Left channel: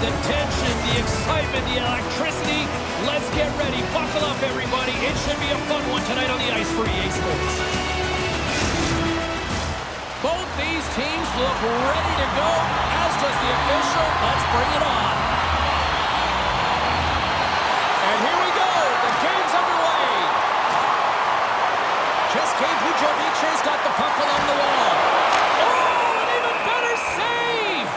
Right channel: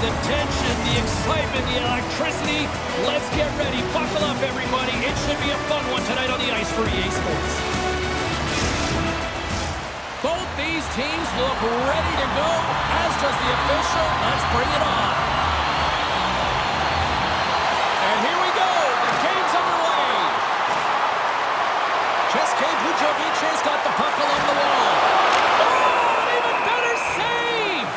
the tension, the excitement, the electricity. Let's get ready. Buckle up, everybody. It should be a fun one tonight on the ice for EA Sports. Both these teams look ready to go, as does the official. Let's bring it on. And here we go. The game's underway. České Budějovice's got the puck along the wall. Oh, an even better save!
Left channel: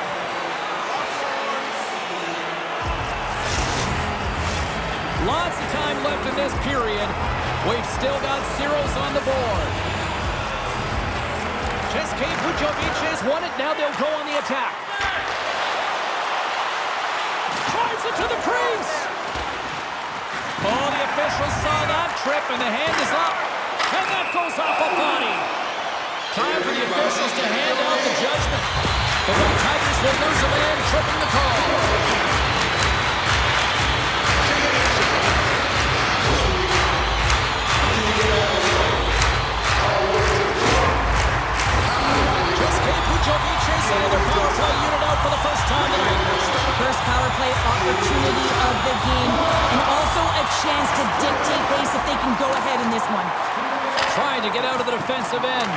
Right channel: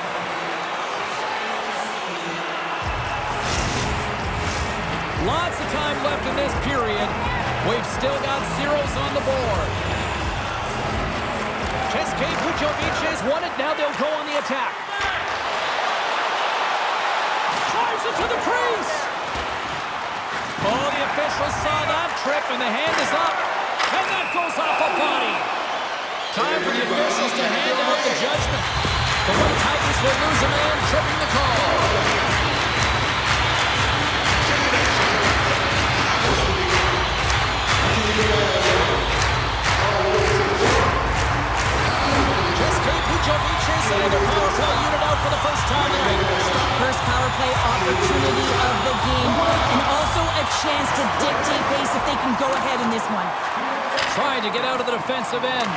Lots of time left in this period. We've still got zeros on the board. České Budějovice's won it. Now they'll go on the attack. Drives it to the crease. Oh, the officials saw that trip, and the hand is up. And that goes off a body. Time for the officials to hand out the judgment. The White Tigers will lose a man, tripping the call. České Budějovice sending their power play unit out for the first time tonight. First power play opportunity of the game, and also a chance to dictate pace if they can go ahead in this one. Trying to get out of the defensive end.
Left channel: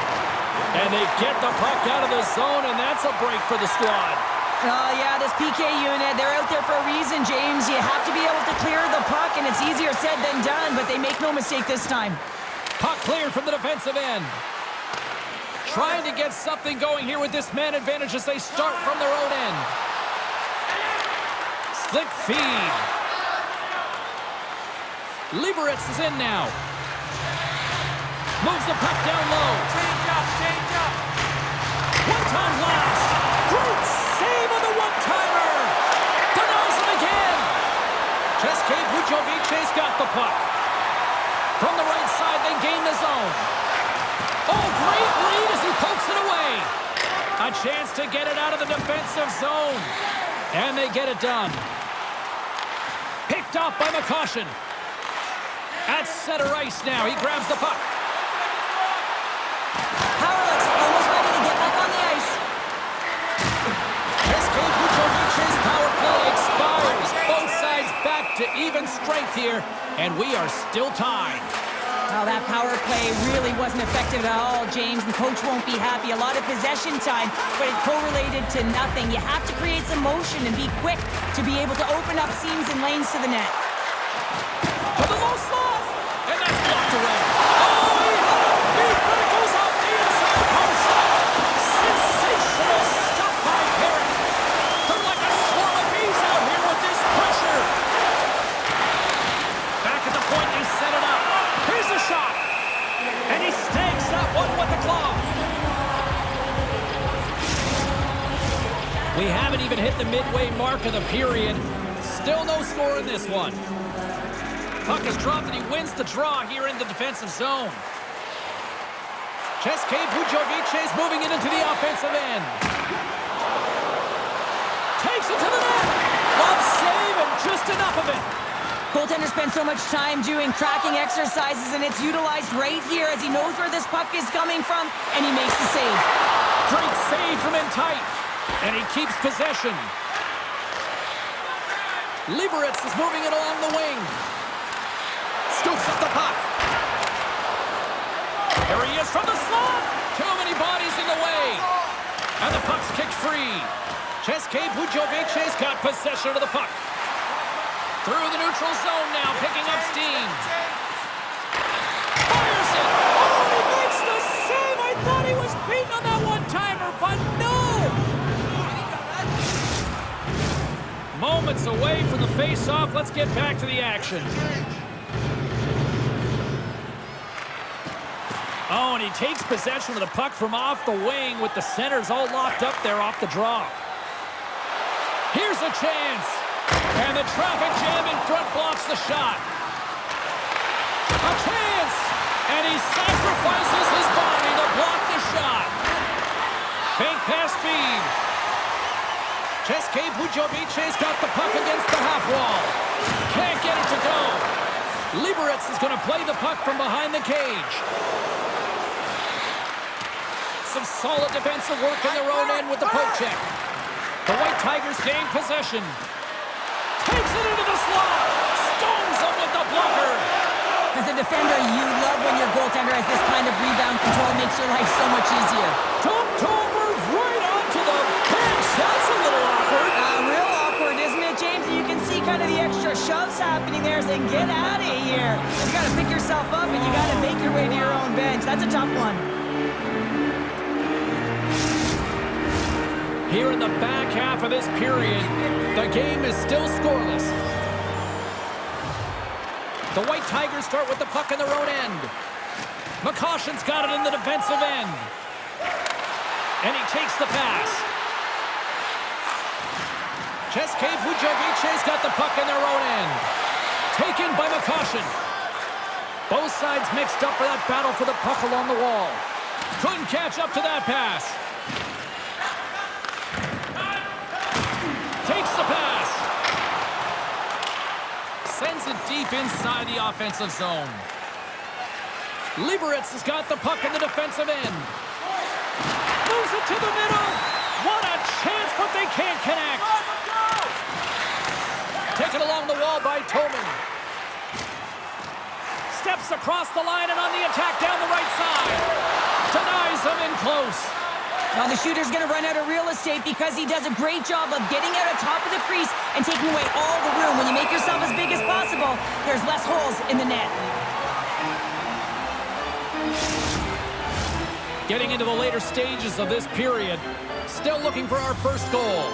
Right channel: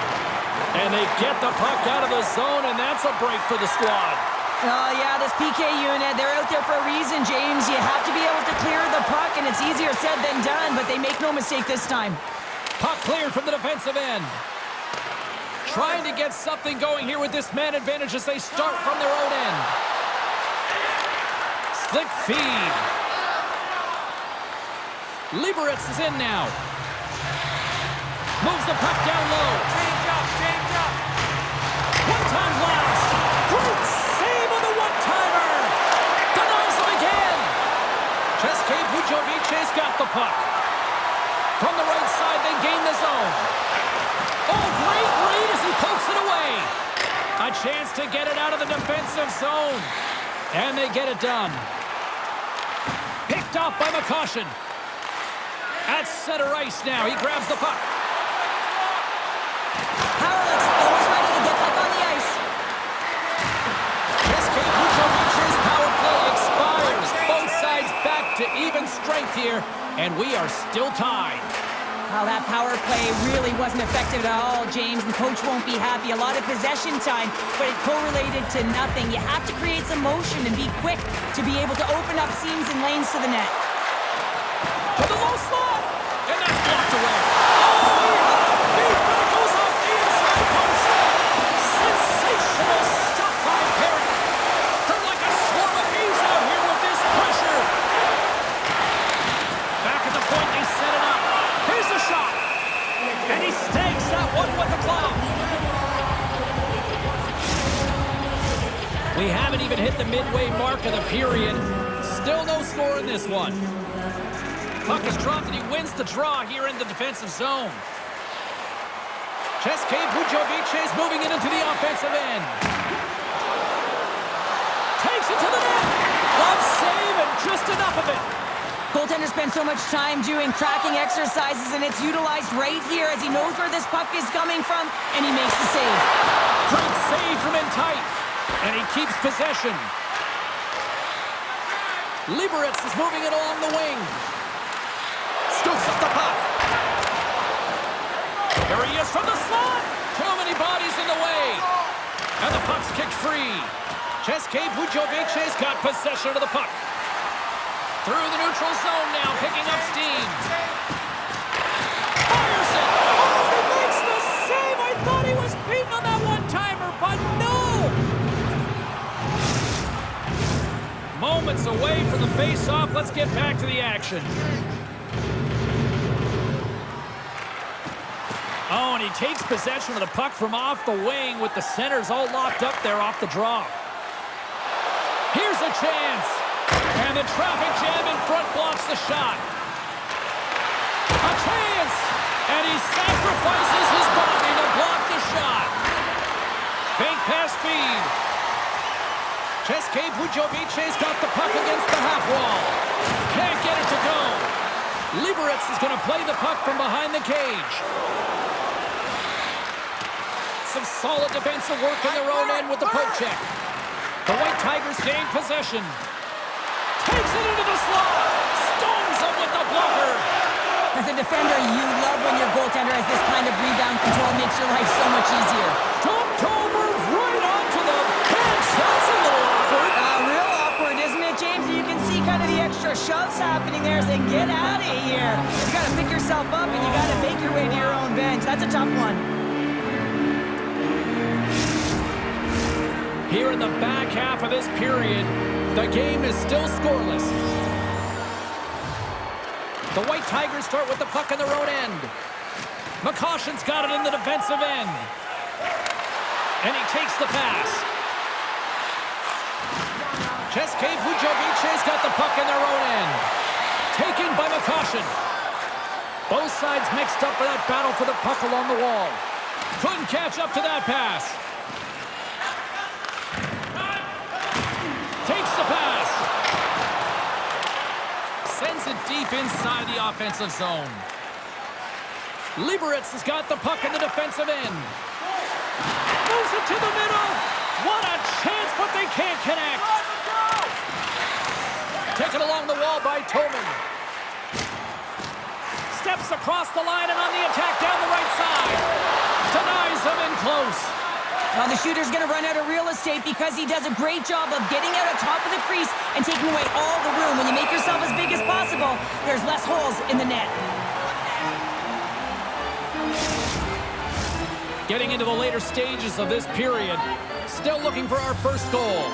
And they get the puck out of the zone, and that's a break for the squad. Oh, yeah, this PK unit, they're out there for a reason, James. You have to be able to clear the puck, and it's easier said than done, but they make no mistake this time. Puck cleared from the defensive end. Trying to get something going here with this man advantage as they start from their own end. Slick feed. Liberec is in now. Moves the puck down low. Change up. One-time blast. Great save on the one-timer. Denies him again. České Budějovice's got the puck. From the right side, they gain the zone. Oh, great read as he pokes it away. A chance to get it out of the defensive zone. And they get it done. Picked off by McCaution. At center ice now. He grabs the puck. Hawryluk's almost ready to get back on the ice. České Budějovice's power play expires. Both sides back to even strength here. And we are still tied. Well, that power play really wasn't effective at all, James. The coach won't be happy. A lot of possession time, but it correlated to nothing. You have to create some motion and be quick to be able to open up seams and lanes to the net. To the low slot! And that's blocked away. Oh, he had a beat, but it goes off the inside post. Sensational stuff by Parik. They're like a swarm of bees out here with this pressure. Back at the point, they set it up. Here's the shot. And he stakes that one with the glove. We haven't even hit the midway mark of the period. Still no score in this one. Puck is dropped and he wins the draw here in the defensive zone. České Budějovice moving it into the offensive end. Takes it to the net. Love save and just enough of it. Goaltender spends so much time doing tracking exercises, and it's utilized right here as he knows where this puck is coming from, and he makes the save. Great save from in tight, and he keeps possession. Liberec is moving it along the wing. Scoops up the puck. There he is from the slot. Too many bodies in the way. And the puck's kicked free. České Budějovice's got possession of the puck. Through the neutral zone now, picking up steam. Fires it! Oh, and he makes the save! I thought he was beaten on that one-timer, but no! Moments away from the face-off. Let's get back to the action. Oh, and he takes possession of the puck from off the wing with the centers all locked up there off the draw. Here's a chance. And the traffic jam in front blocks the shot. A chance! And he sacrifices his body to block the shot. Bank pass feed. České Budějovice's got the puck against the half wall. Can't get it to go. Liberec is going to play the puck from behind the cage. Some solid defensive work in their own end with the poke check. The White Tigers gain possession. Takes it into the slot. Stones him with the blocker. As a defender, you love when your goaltender has this kind of rebound control. Makes your life so much easier. Dumped over right onto the bench. That's a little awkward. Real awkward, isn't it, James? You can see kind of the extra shoves happening there, saying, get out of here. You got to pick yourself up, and you got to make your way to your own bench. That's a tough one. Here in the back half of this period, the game is still scoreless. The White Tigers start with the puck in their own end. McCoshen's got it in the defensive end. And he takes the pass. České Budějovice's got the puck in their own end. Taken by McCoshen. Both sides mixed up for that battle for the puck along the wall. Couldn't catch up to that pass. Takes the pass. Sends it deep inside the offensive zone. Liberec has got the puck in the defensive end. Moves it to the middle. What a chance, but they can't connect. Taken along the wall by Toman. Steps across the line and on the attack down the right side. Denies them in close. Well, the shooter's going to run out of real estate because he does a great job of getting out on top of the crease and taking away all the room. When you make yourself as big as possible, there's less holes in the net. Getting into the later stages of this period. Still looking for our first goal.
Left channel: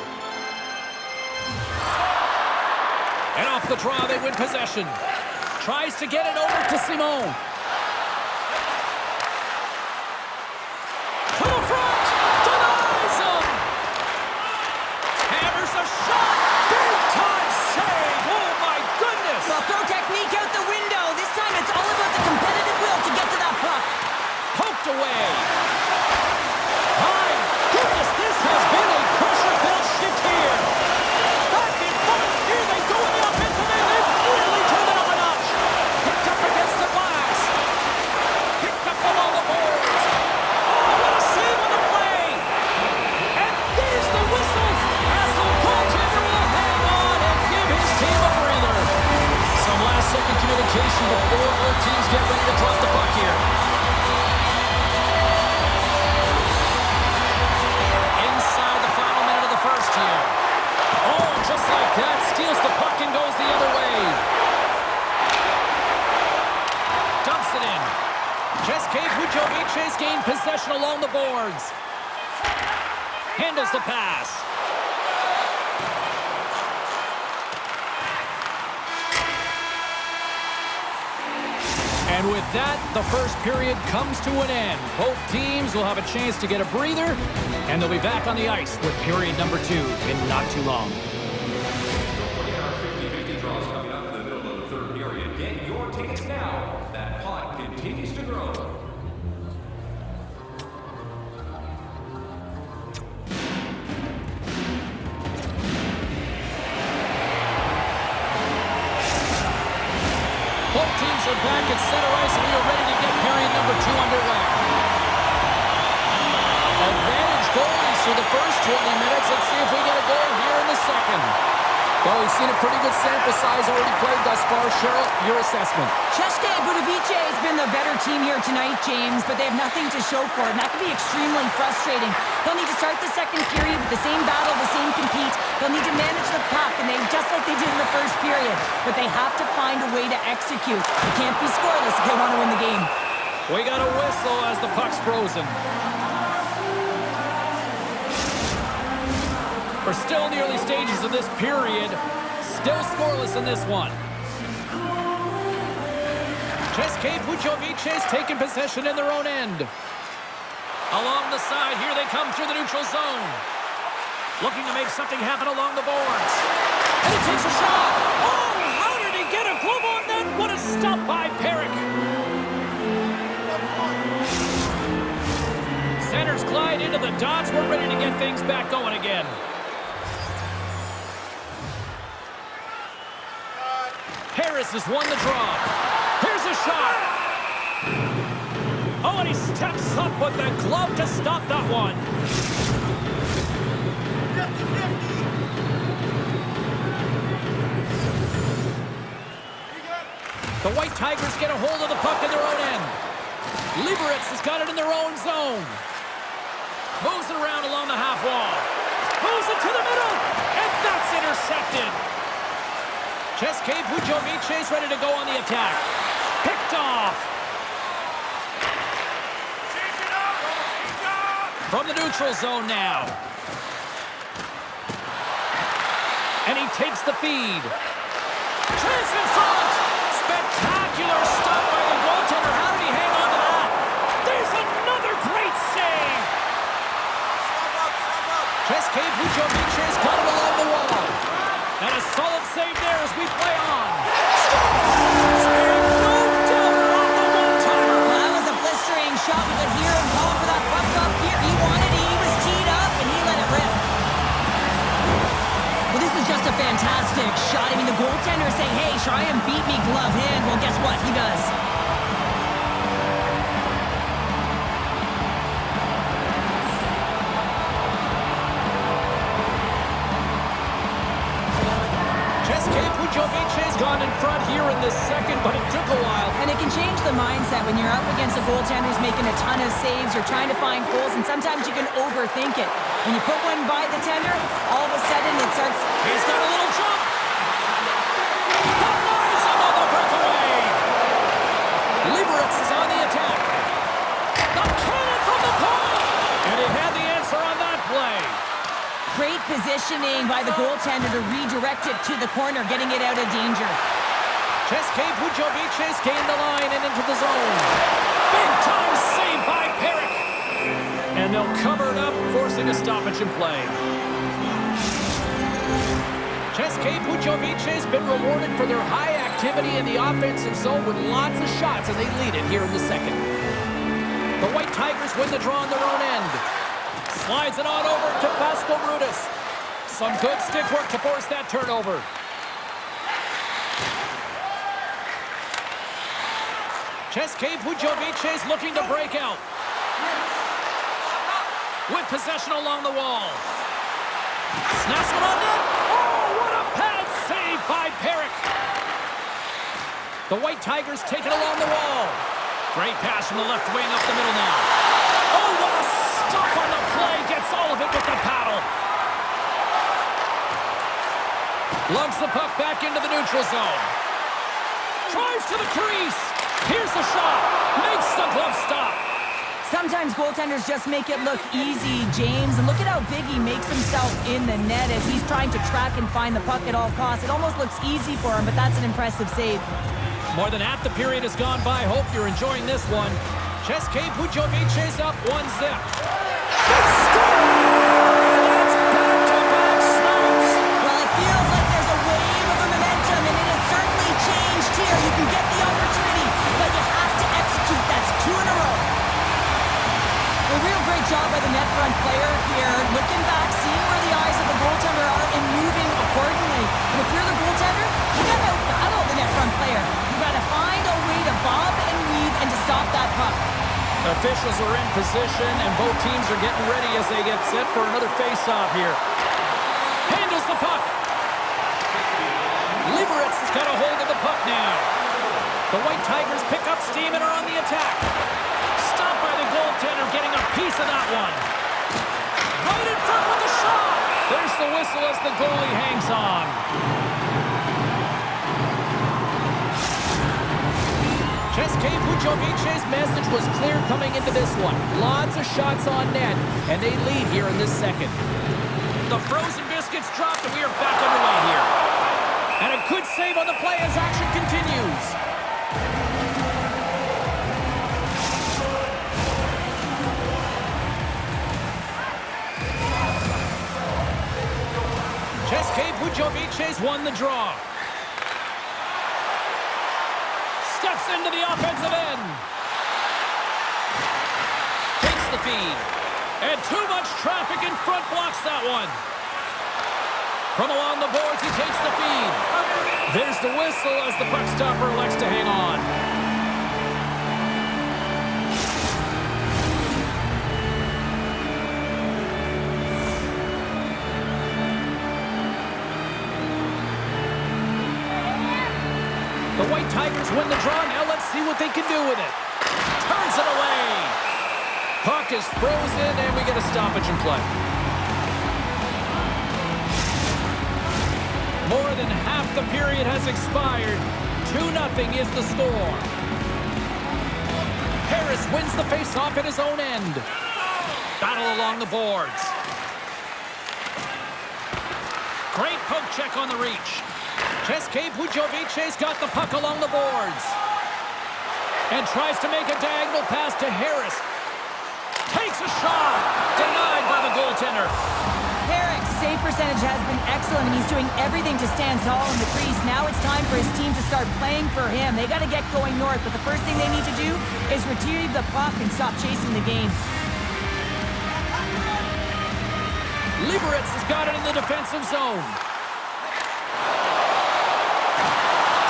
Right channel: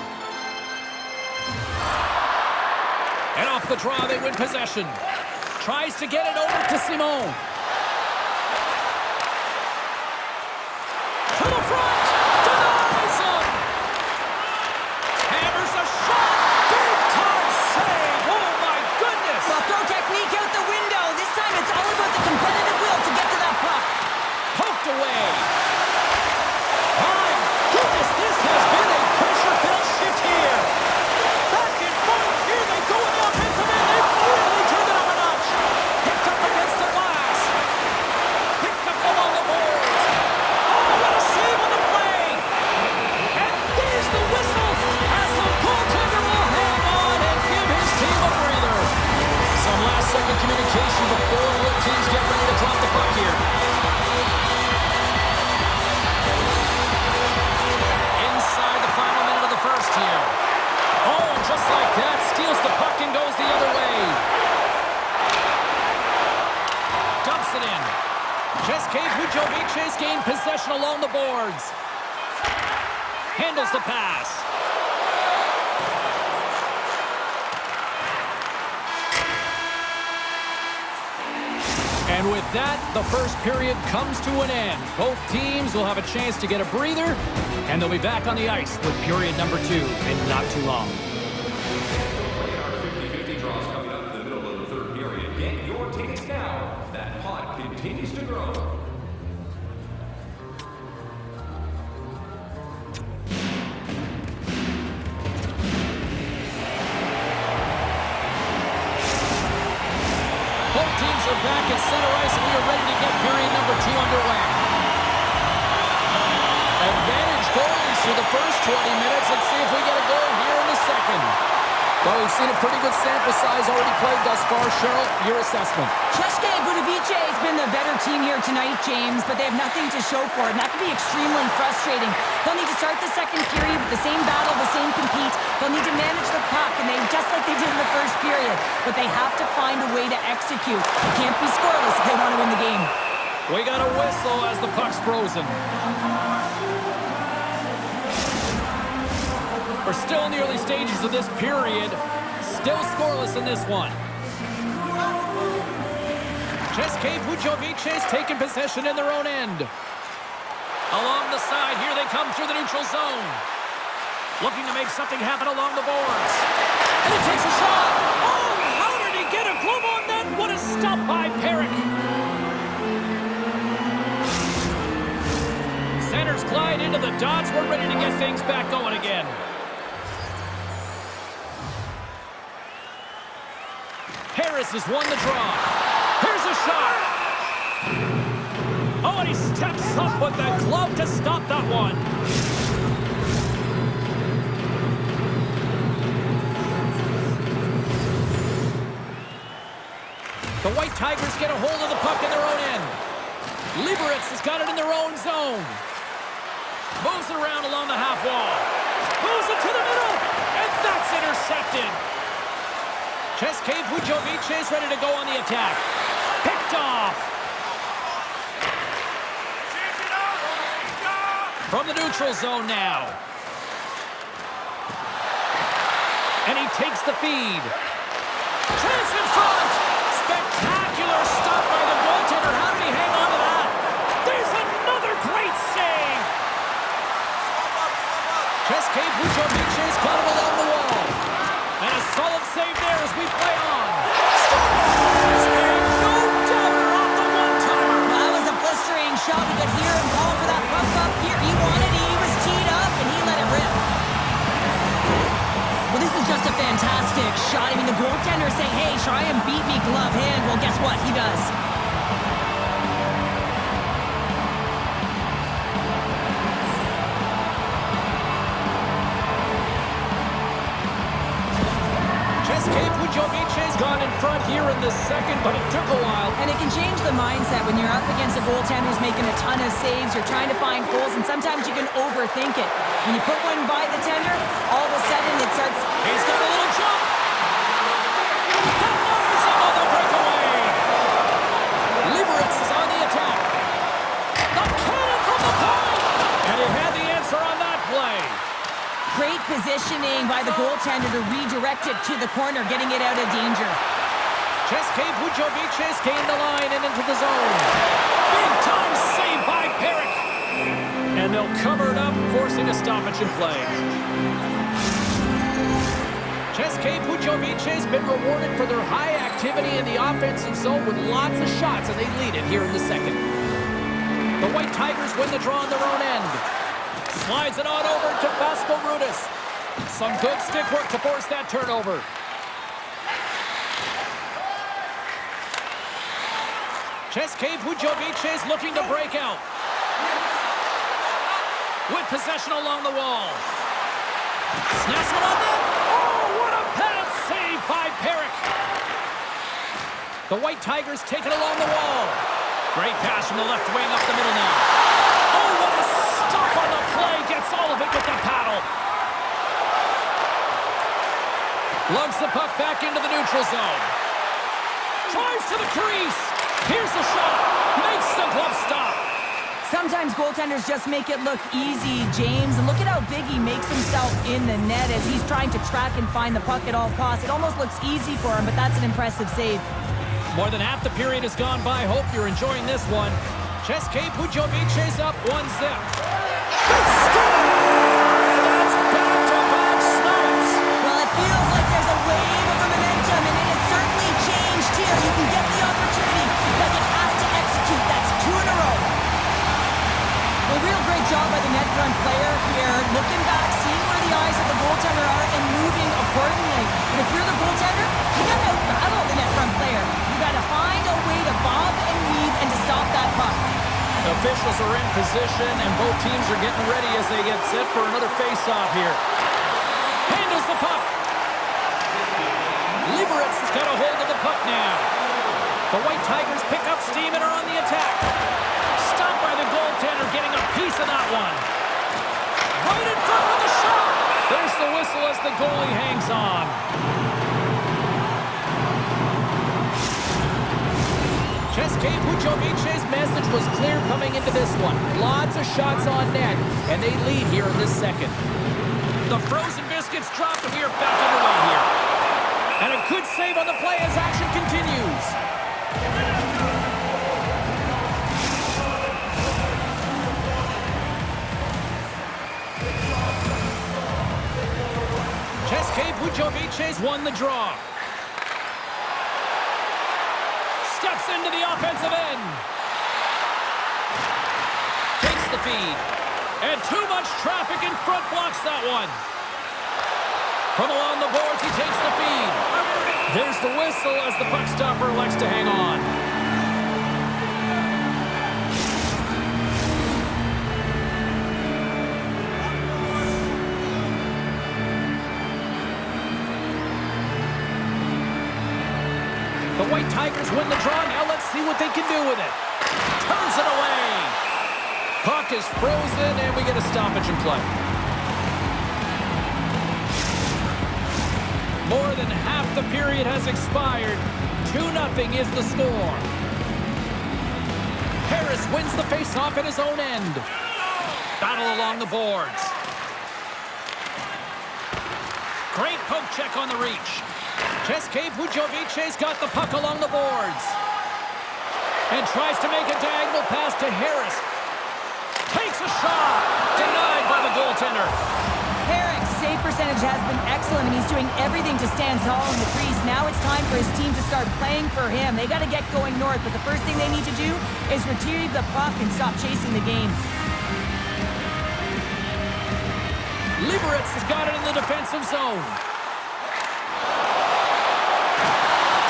And off the draw, they win possession. Tries to get it over to Simon. To the front. Denies him. Hammers a shot. Big time save. Oh, my goodness. Well, throw technique out the window. This time it's all about the competitive will to get to that puck. Poked away. My goodness, this has been a pressure-filled shift here. Back and forth. Here they go in the offensive end. They've really turned it up a notch. Picked up against the glass. Picked up along the boards. Oh, what a save on the play. And there's the whistle as the goaltender will hang on and give his team a breather. Some last-second communication before both teams get ready to drop the puck here. Inside the final minute of the first here. Oh, and just like that, steals the puck and goes the other way. Dumps it in. České Budějovice's gained possession along the boards. Handles the pass. And with that, the first period comes to an end. Both teams will have a chance to get a breather, and they'll be back on the ice with period number 2 in not too long. Don't forget our 50-50 draws coming up in the middle of the third period. Get your tickets now. That pot continues to grow. Both teams are back at center ice, and we are ready to get period number 2 underway. Advantage goalies through the first 20 minutes. Let's see if we get a goal here in the second. Well, we've seen a pretty good sample size already played thus far. Cheryl, your assessment. České Budějovice has been the better team here tonight, James, but they have nothing to show for it, and that can be extremely frustrating. They'll need to start the second period with the same battle, the same compete. They'll need to manage the puck, and just like they did in the first period. But they have to find a way to execute. They can't be scoreless if they want to win the game. We got a whistle as the puck's frozen. We're still in the early stages of this period. Still scoreless in this one. České Budějovice's taking possession in their own end. Along the side, here they come through the neutral zone. Looking to make something happen along the boards. And he takes a shot. Oh, how did he get a glove on that? What a stop by Parik. Centers glide into the dots. We're ready to get things back going again. Harris has won the draw. Here's a shot. Oh, and he steps up with the glove to stop that one. The White Tigers get a hold of the puck in their own end. Liberec has got it in their own zone. Moves it around along the half wall. Moves it to the middle, and that's intercepted. České Budějovice is ready to go on the attack. Picked off. From the neutral zone now. And he takes the feed. Chance in front. Spectacular stop by the goaltender. How did he hang on to that? There's another great save. České Budějovice's got it along the wall. And a solid save there as we play on. Scores! And no doubter off the one-timer. Well, that was a blistering shot. We could hear him calling for that puck up here. He wanted it. He was teed up, and he let it rip. Well, this is just a fantastic shot. I mean, the goaltender saying, hey, try and beat me glove hand. Well, guess what? He does. České Budějovice's gone in front here in the second, but it took a while. And it can change the mindset when you're up against a goaltender who's making a ton of saves. You're trying to find goals, and sometimes you can overthink it. When you put one by the tender, all of a sudden it starts... He's got a little jump. Denies him on the breakaway. Liberec is on the attack. The cannon from the point. And he had the answer on that play. Great positioning by the goaltender to redirect it to the corner, getting it out of danger. České Budějovice gained the line and into the zone. Big time save by Parik. And they'll cover it up, forcing a stoppage in play. České Budějovice has been rewarded for their high activity in the offensive zone with lots of shots, and they lead it here in the second. The White Tigers win the draw on their own end. Slides it on over to Pascal Rudis. Some good stick work to force that turnover. České Budějovice is looking to break out. With possession along the wall. Snaps one on net. Oh, what a pad save by Parik. The White Tigers take it along the wall. Great pass from the left wing up the middle now. Oh, what a stop on the play. Gets all of it with the paddle. Lugs the puck back into the neutral zone. Drives to the crease. Here's the shot. Makes the glove stop. Sometimes goaltenders just make it look easy, James. And look at how big he makes himself in the net as he's trying to track and find the puck at all costs. It almost looks easy for him, but that's an impressive save. More than half the period has gone by. Hope you're enjoying this one. České Budějovice up 1-0. They score! And that's back-to-back snipes. Well, it feels like there's a wave of momentum, and it has certainly changed here. You can get the opportunity, but you have to execute. That's 2 in a row. A real great job by the net front player here, looking back, seeing where the eyes of the goaltender are, and moving accordingly. And if you're the goaltender, you got to out-battle the net front player. You got to find a way to bob and weave and to stop that puck. Officials are in position, and both teams are getting ready as they get set for another face-off here. Handles the puck. Liberec has got a hold of the puck now. The White Tigers pick up steam and are on the attack. Stopped by the goaltender, getting a piece of that one. Right in front with the shot. There's the whistle as the goalie hangs on. České Budějovice's message was clear coming into this one. Lots of shots on net, and they lead here in this second. The frozen biscuits dropped, and we are back underway here. And a good save on the play as action continues. České Budějovice won the draw. Steps into the offensive end. Takes the feed. And too much traffic in front blocks that one. From along the boards, he takes the feed. There's the whistle as the puck stopper elects to hang on. The White Tigers win the draw. Now let's see what they can do with it. Turns it away. Puck is frozen, and we get a stoppage in play. More than half the period has expired. 2-0 is the score. Harris wins the faceoff at his own end. Battle along the boards. Great poke check on the reach. České Budějovice's got the puck along the boards. And tries to make a diagonal pass to Harris. Takes a shot. Denied by the goaltender. Parik's save percentage has been excellent, and he's doing everything to stand tall in the crease. Now it's time for his team to start playing for him. They got to get going north, but the first thing they need to do is retrieve the puck and stop chasing the game. Liberec has got it in the defensive zone.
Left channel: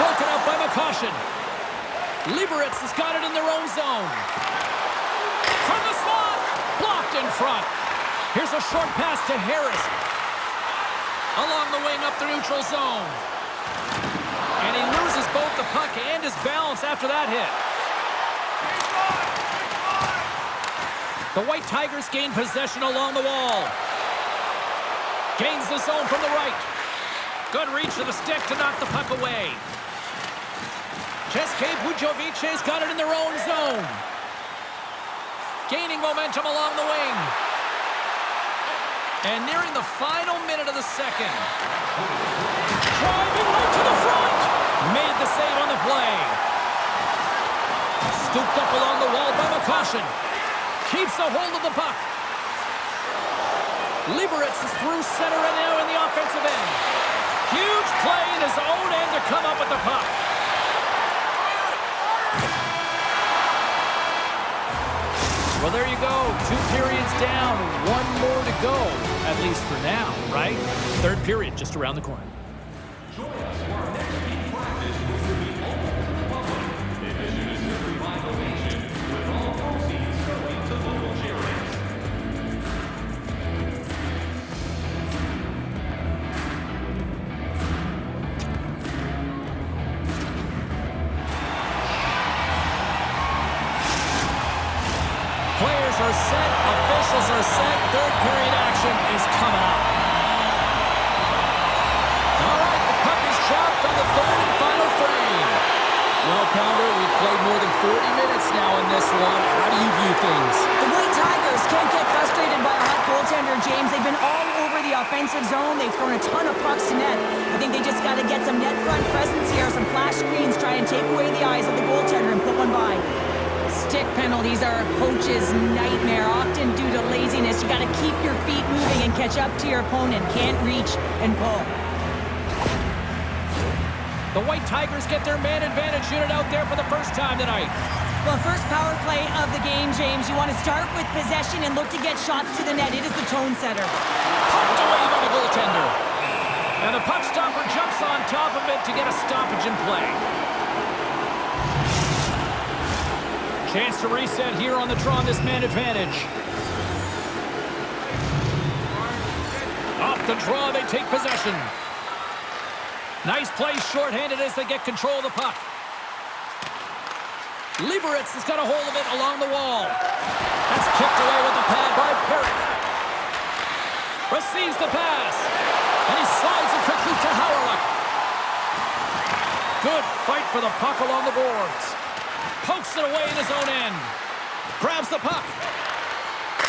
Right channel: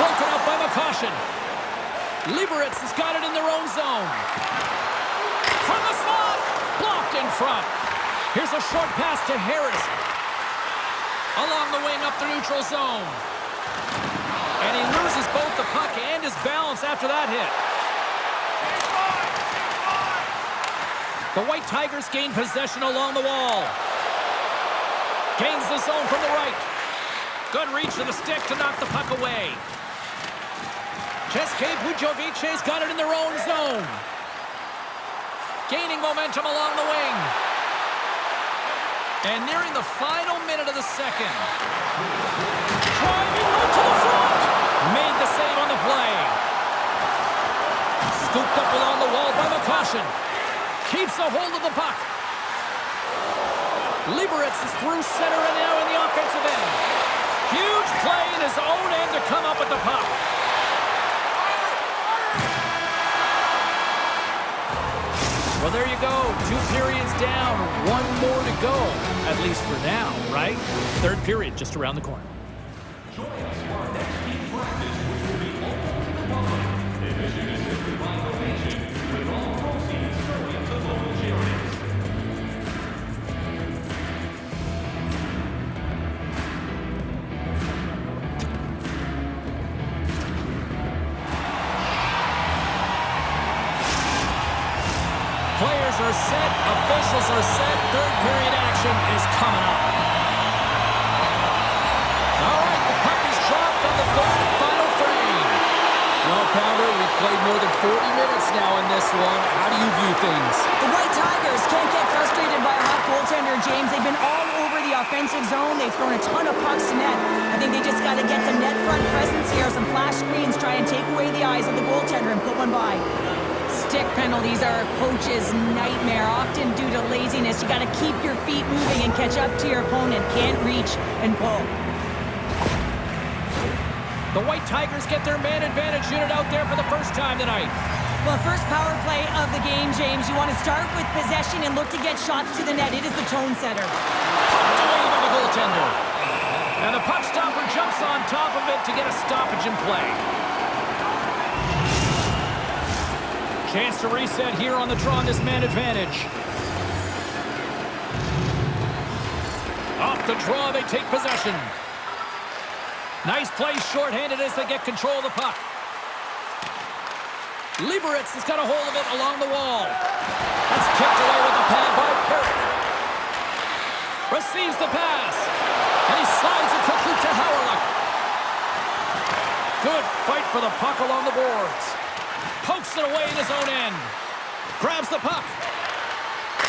Broken out by Melancon. Liberec has got it in their own zone. From the slot, blocked in front. Here's a short pass to Harris. Along the wing up the neutral zone. And he loses both the puck and his balance after that hit. The White Tigers gain possession along the wall. Gains the zone from the right. Good reach of the stick to knock the puck away. České Budějovice's got it in their own zone. Gaining momentum along the wing. And nearing the final minute of the second. Driving right to the front. Made the save on the play. Scooped up along the wall by Melancon. Keeps a hold of the puck. Liberec is through center and now in the offensive end. Huge play in his own end to come up with the puck. Well, there you go. 2 periods down, 1 more to go, at least for now, right? Third period just around the corner. Join us for our next team practice, which will be open to the public. Admission is simply by donation, with all proceeds going to local charities. Players are set, officials are set, third period action is coming up. All right, the puck is dropped on the third and final frame. Well, Pounder, we've played more than 40 minutes now in this one. How do you view things? The White Tigers can't get frustrated by a hot goaltender, James. They've been all over the offensive zone. They've thrown a ton of pucks to net. I think they just got to get some net front presence here, some flash screens, try and take away the eyes of the goaltender and put one by. Stick penalties are a coach's nightmare, often due to laziness. You got to keep your feet moving and catch up to your opponent. Can't reach and pull. The White Tigers get their man advantage unit out there for the first time tonight. Well, first power play of the game, James. You want to start with possession and look to get shots to the net. It is the tone setter. Pumped away by the goaltender. And the puck stopper jumps on top of it to get a stoppage in play. Chance to reset here on the draw on this man advantage. Off the draw, they take possession. Nice play shorthanded as they get control of the puck. Liberec has got a hold of it along the wall. That's kicked away with the pad by Parik. Receives the pass. And he slides it quickly to Hawryluk. Good fight for the puck along the boards. Pokes it away in his own end. Grabs the puck.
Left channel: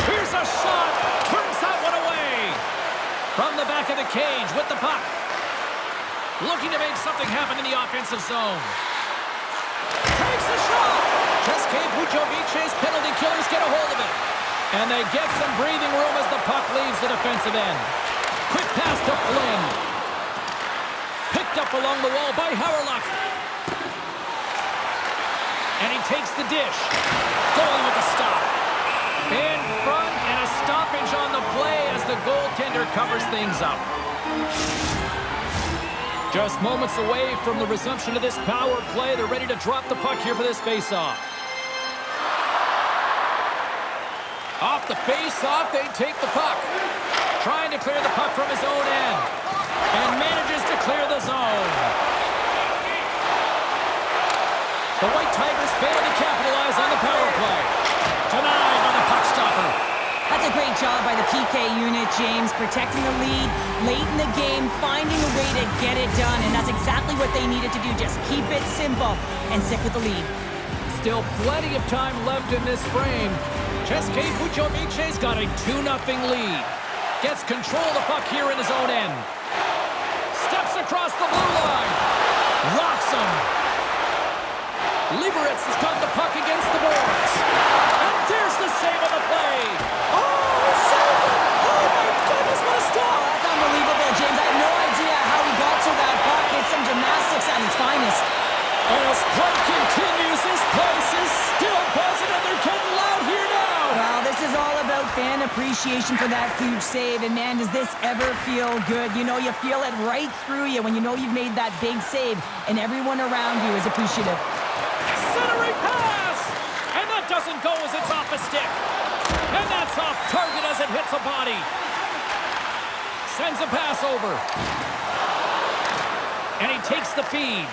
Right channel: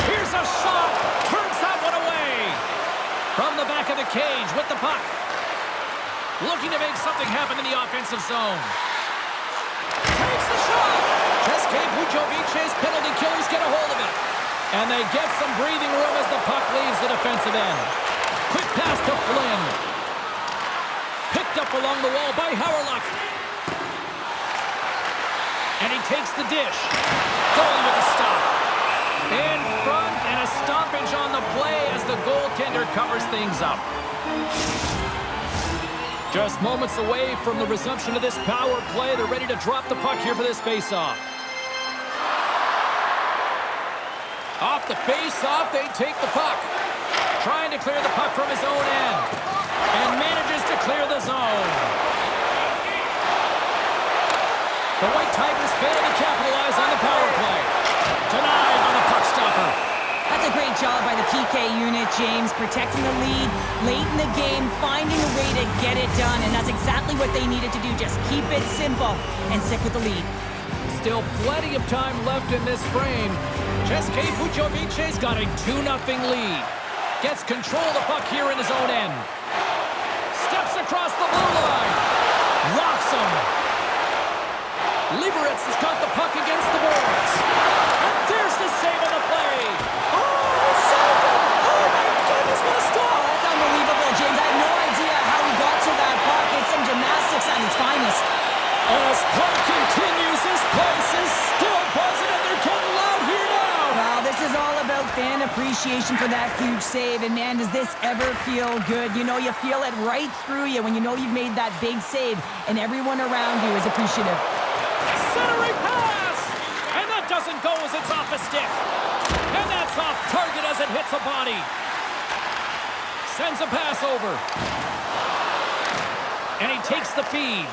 Here's a shot. Turns that one away. From the back of the cage with the puck. Looking to make something happen in the offensive zone. Takes a shot. České Budějovice's penalty killers get a hold of it. And they get some breathing room as the puck leaves the defensive end. Quick pass to Flynn. Picked up along the wall by Hawryluk. And he takes the dish. Goalie with the stop. In front and a stoppage on the play as the goaltender covers things up. Just moments away from the resumption of this power play. They're ready to drop the puck here for this face-off. Off the face-off, they take the puck. Trying to clear the puck from his own end. And manages to clear the zone. The White Tigers fail to capitalize on the power play. Denied by the puck stopper. That's a great job by the PK unit, James, protecting the lead late in the game, finding a way to get it done, and that's exactly what they needed to do. Just keep it simple and stick with the lead. Still plenty of time left in this frame. České Budějovice's got a 2-0 lead. Gets control of the puck here in his own end. Steps across the blue line. Rocks him. Liberec has got the puck against the boards. And there's the save on the play. Oh, saved it! Oh my goodness, what a stop! Oh, that's unbelievable, James. I have no idea how he got to that puck. It's some gymnastics at its finest. And as play continues, this place is still buzzing and they're getting loud here now. Well, this is all about fan appreciation for that huge save. And man, does this ever feel good. You know, you feel it right through you when you know you've made that big save and everyone around you is appreciative. Centering pass! And that doesn't go as it's off a stick. And that's off target as it hits a body. Sends a pass over. And he takes the feed.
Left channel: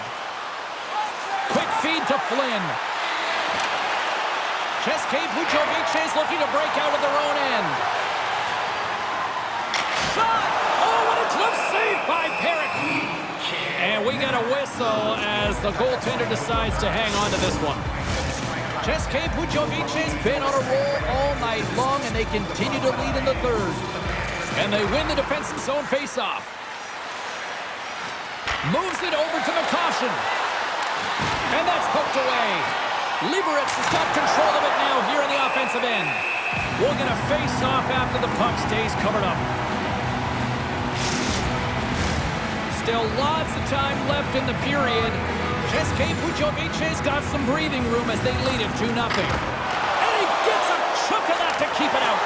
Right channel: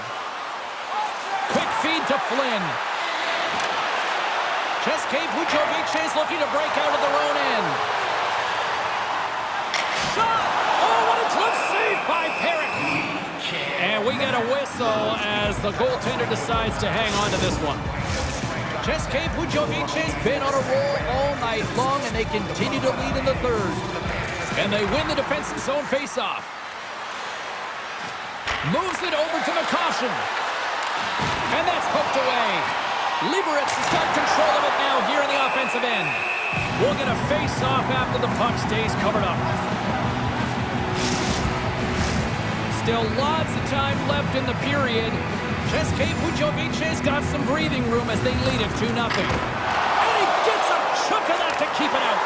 Quick feed to Flynn. České Budějovice looking to break out of their own end. Shot! Oh, what a close save by Parik. And we get a whistle as the goaltender decides to hang on to this one. České Budějovice's been on a roll all night long, and they continue to lead in the third. And they win the defensive zone faceoff. Moves it over to McCaution. And that's poked away. Liberec has got control of it now here in the offensive end. We'll get a face-off after the puck stays covered up. Still lots of time left in the period. České Budějovice's got some breathing room as they lead it 2-0. And he gets a chunk of that to keep it out.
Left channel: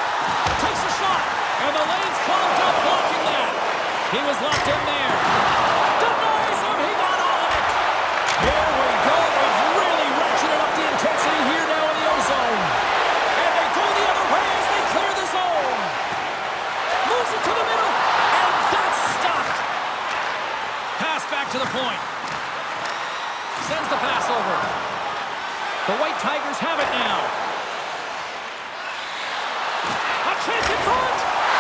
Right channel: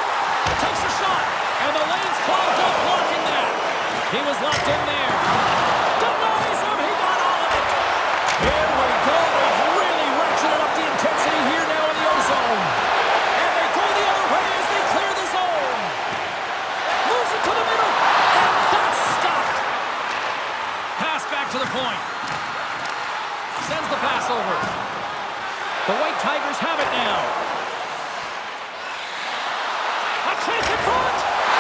Takes a shot, and the lane's clogged up blocking that. He was locked in there. Denies him, he got all of it. Here we go, they've really ratcheted up the intensity here now in the O-zone. And they go the other way as they clear the zone. Moves it to the middle, and that's stopped. Pass back to the point. Sends the pass over. The White Tigers have it now. A chance in front!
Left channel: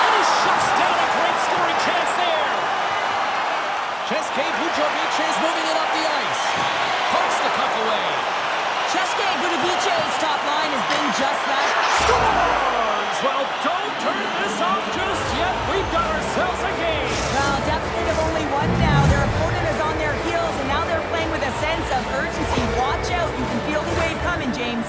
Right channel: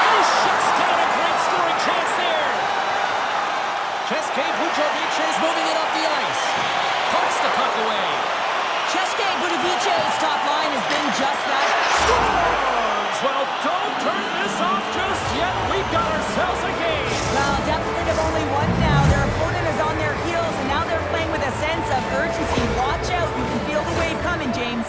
And he shuts down a great scoring chance there. České Budějovice moving it up the ice. Pokes the puck away. České Budějovice's top line has been just that. Scores! Well, don't turn this off just yet. We've got ourselves a game. Well, deficit of only one now. Their opponent is on their heels, and now they're playing with a sense of urgency. Watch out. You can feel the wave coming, James.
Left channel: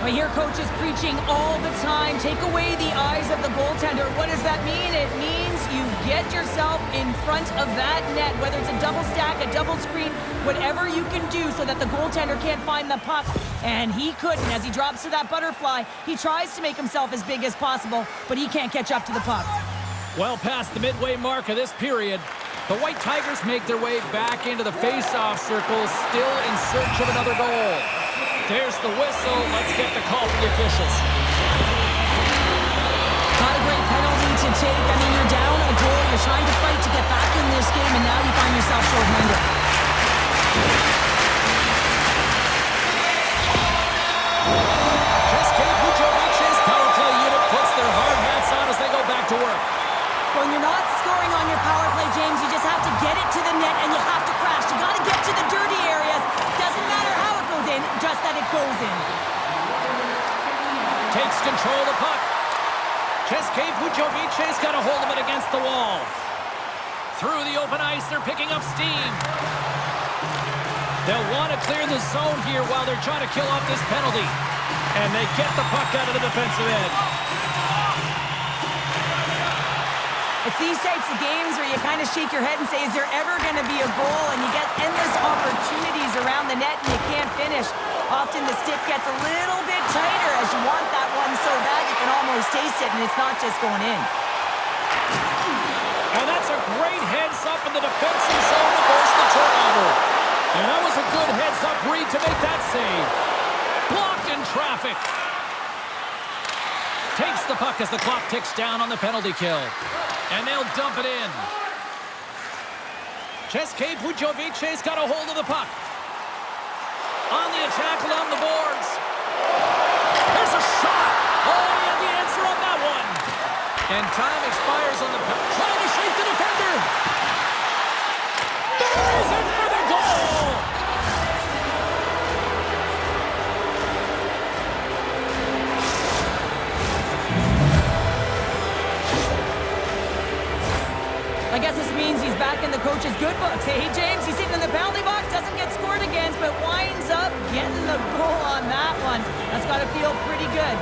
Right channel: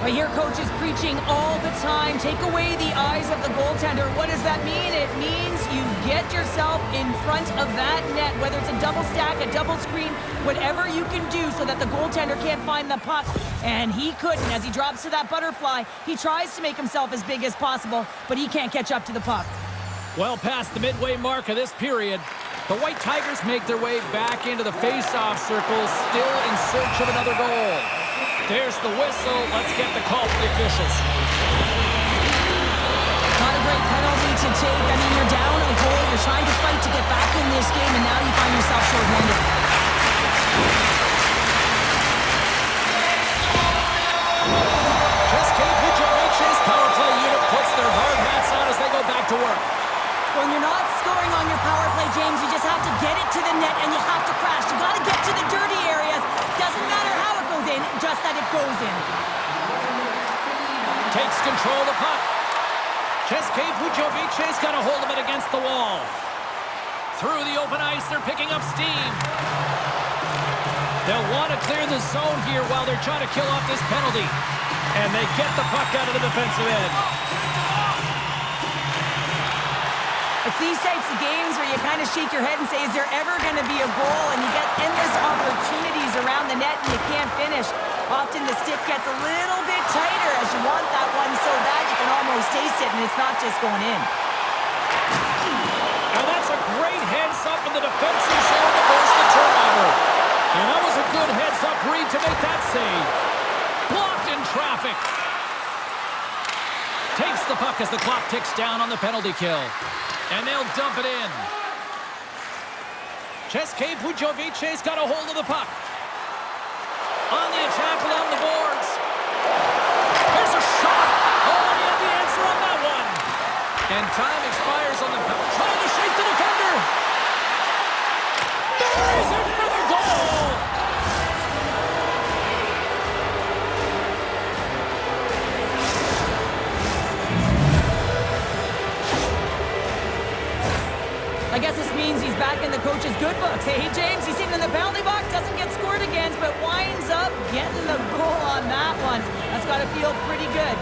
Well, here coach is preaching all the time. Take away the eyes of the goaltender. What does that mean? It means you get yourself in front of that net, whether it's a double stack, a double screen, whatever you can do so that the goaltender can't find the puck. And he couldn't. As he drops to that butterfly, he tries to make himself as big as possible, but he can't catch up to the puck. Well past the midway mark of this period, the White Tigers make their way back into the face-off circle, still in search of another goal. There's the whistle. Let's get the call from the officials. Not a great penalty to take. I mean, you're down a goal. You're trying to fight to get back in this game, and now you find yourself shorthanded. České Budějovice's power play unit puts their hard hats on as they go back to work. When you're not scoring on your power play, James, you just have to get it to the net and you have to crash. You got to get to the dirty areas. Doesn't matter how it goes in, just that it goes in. Takes control of the puck. České Budějovice's got a hold of it against the wall. Through the open ice, they're picking up steam. They'll want to clear the zone here while they're trying to kill off this penalty. And they get the puck out of the defensive end. It's these types of games where you kind of shake your head and say, is there ever going to be a goal? And you get endless opportunities around the net and you can't finish. Often the stick gets a little bit tighter as you want that one so bad you can almost taste it, and it's not just going in. And that's a great heads-up in the defensive zone to force the turnover. And that was a good heads-up read to make that save. Blocked in traffic. Takes the puck as the clock ticks down on the penalty kill. And they'll dump it in. České Budějovice's got a hold of the puck. tackle on the boards. Here's a shot. Oh, he had the answer on that one. And time expires on the... Trying to shake the defender. There is it for the goal. I guess this means he's back in the coach's good books. Hey, James, he's sitting in the penalty box, doesn't get scored against, but winds up getting the goal on that one. That's got to feel pretty good.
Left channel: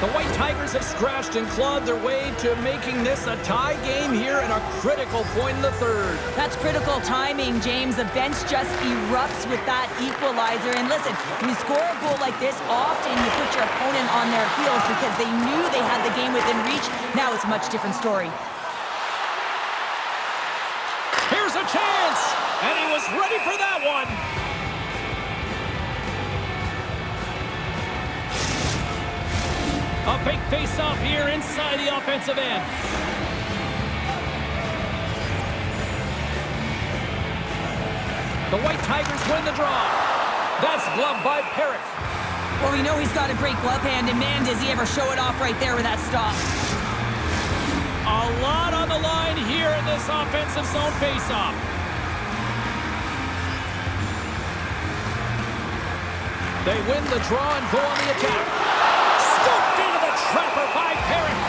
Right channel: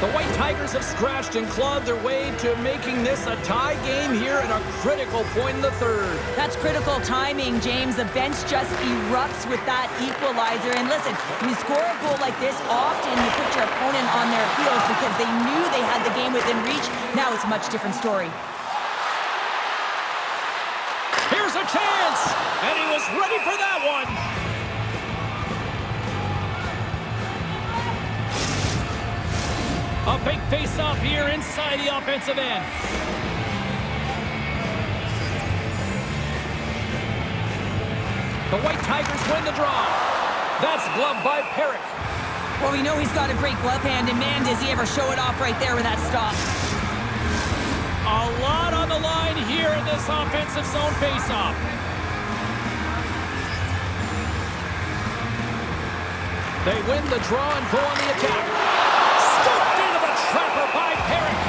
The White Tigers have scratched and clawed their way to making this a tie game here at a critical point in the third. That's critical timing, James. The bench just erupts with that equalizer. And listen, when you score a goal like this, often you put your opponent on their heels because they knew they had the game within reach. Now it's a much different story. Here's a chance, and he was ready for that one. A big face-off here inside the offensive end. The White Tigers win the draw. That's gloved by Parik. Well, we know he's got a great glove hand, and man, does he ever show it off right there with that stop. A lot on the line here in this offensive zone face-off. They win the draw and go on the attack. Scooped into the trapper by Parik.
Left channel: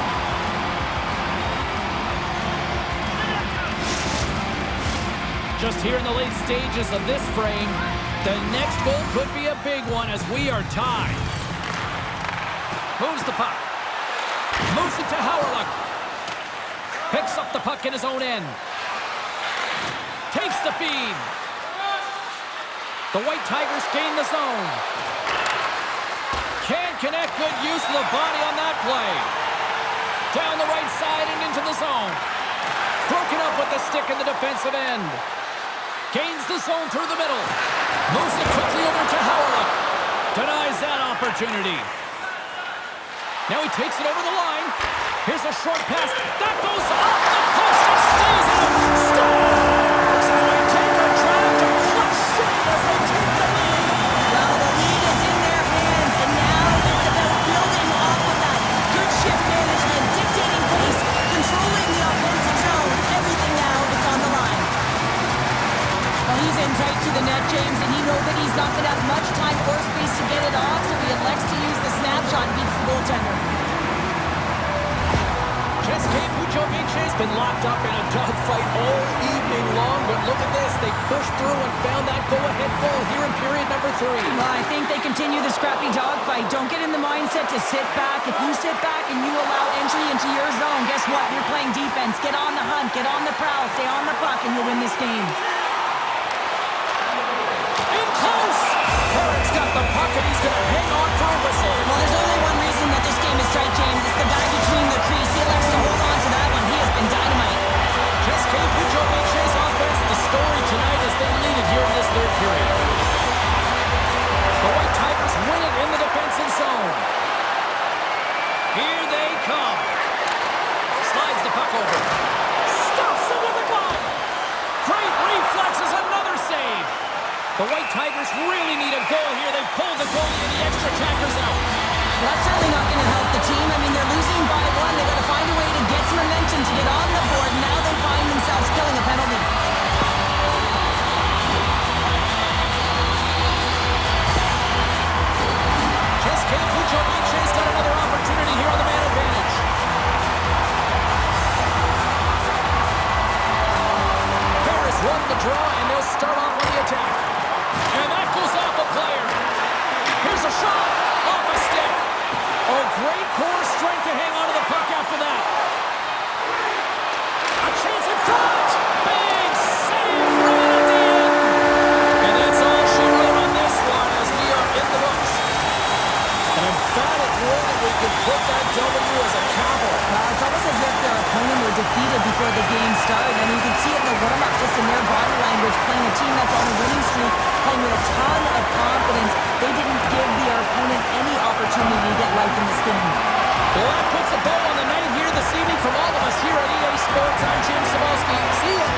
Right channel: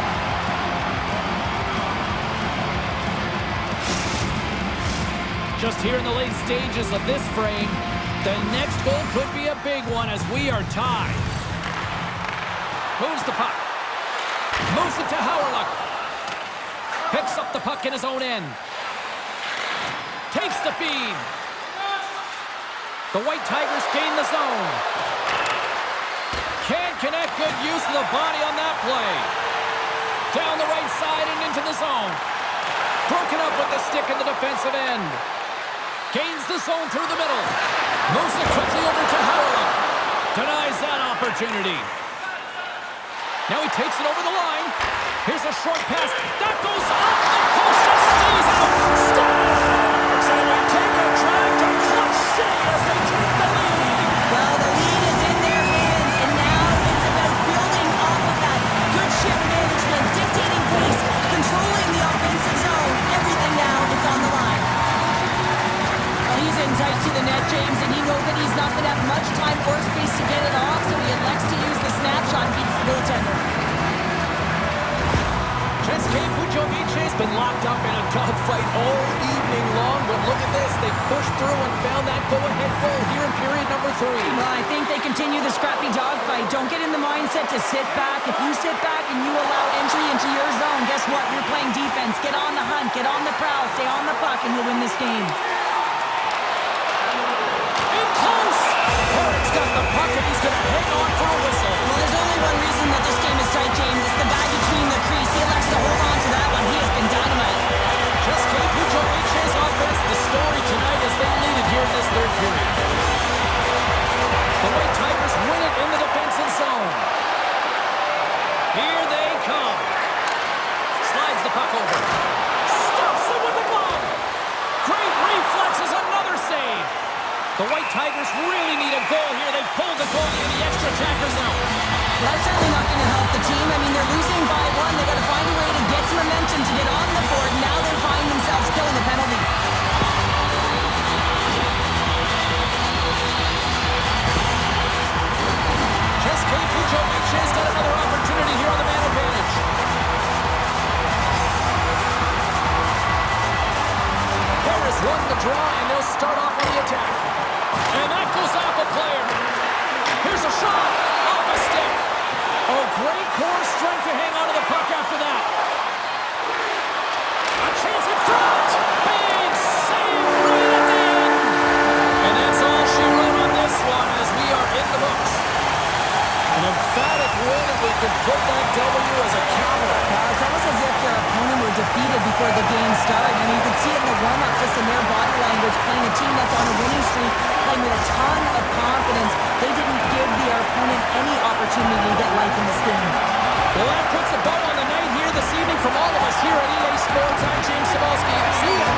Just here in the late stages of this frame, the next goal could be a big one as we are tied. Moves the puck. Moves it to Hawryluk. Picks up the puck in his own end. Takes the feed. The White Tigers gain the zone. Can't connect. Good use of the body on that play. Down the right side and into the zone. Broken up with the stick in the defensive end. Gains the zone through the middle. Moves it quickly over to Hawryluk. Denies that opportunity. Now he takes it over the line. Here's a short pass. That goes off the post and stays out. Scores! And we take a drive to Clutch City as they take the lead. Well, the lead is in their hands, and now it's about building off of that. Good shift management, dictating pace, controlling the offensive zone. Everything now, it's on the line. Well, he's in tight to the net, James, and he knows that he's not going to have much time or space to get it off, so he elects to use the snapshot and beats the goaltender. České Budějovice has been locked up in a dogfight all evening long, but look at this. They pushed through and found that go-ahead goal here in period number 3. Well, I think they continue the scrappy dogfight. Don't get in the mindset to sit back. If you sit back and you allow entry into your zone, guess what? You're playing defense. Get on the hunt, get on the prowl, stay on the puck, and you'll win this game. In close! Parik's got the puck and he's going to hang on for a whistle. Well, there's only one reason that this game is tight, James. It's the guy between the crease. He elects to hold on to that one. He has been dynamite. České Budějovice's offense, the story tonight as they lead it here in this third period. The White Tigers win it in the defensive zone. Here they come. Slides the puck over. Stuffs him with a glove. Great reflexes, another save. The White Tigers really need a goal here. They pulled the goalie and the extra attackers out. Well, that's certainly not going to help the team. I mean, they're losing by 1. They got to find a way to get some momentum to get on the board. Now they find themselves killing a penalty. České Budějovice's got another opportunity here on the man advantage. Harris won the draw, and they'll start off on the attack. And that goes off a player. Here's a shot off a stick. Oh, great core strength to hang on to the puck after that. A chance in front. Big save right at the end. And that's all she wrote on this one as we are in the books. An emphatic win, and we can put that W as a capital. Well, it's almost as if their opponent were defeated before the game started. I mean, you can see it in the warm-up, just in their body language, playing a team that's on a winning streak, playing with a ton of confidence. They didn't give their opponent any opportunity to get life in this game. Well, that puts a bow on the night here this evening from all of us here at EA Sports. I'm James Cybulski. See ya.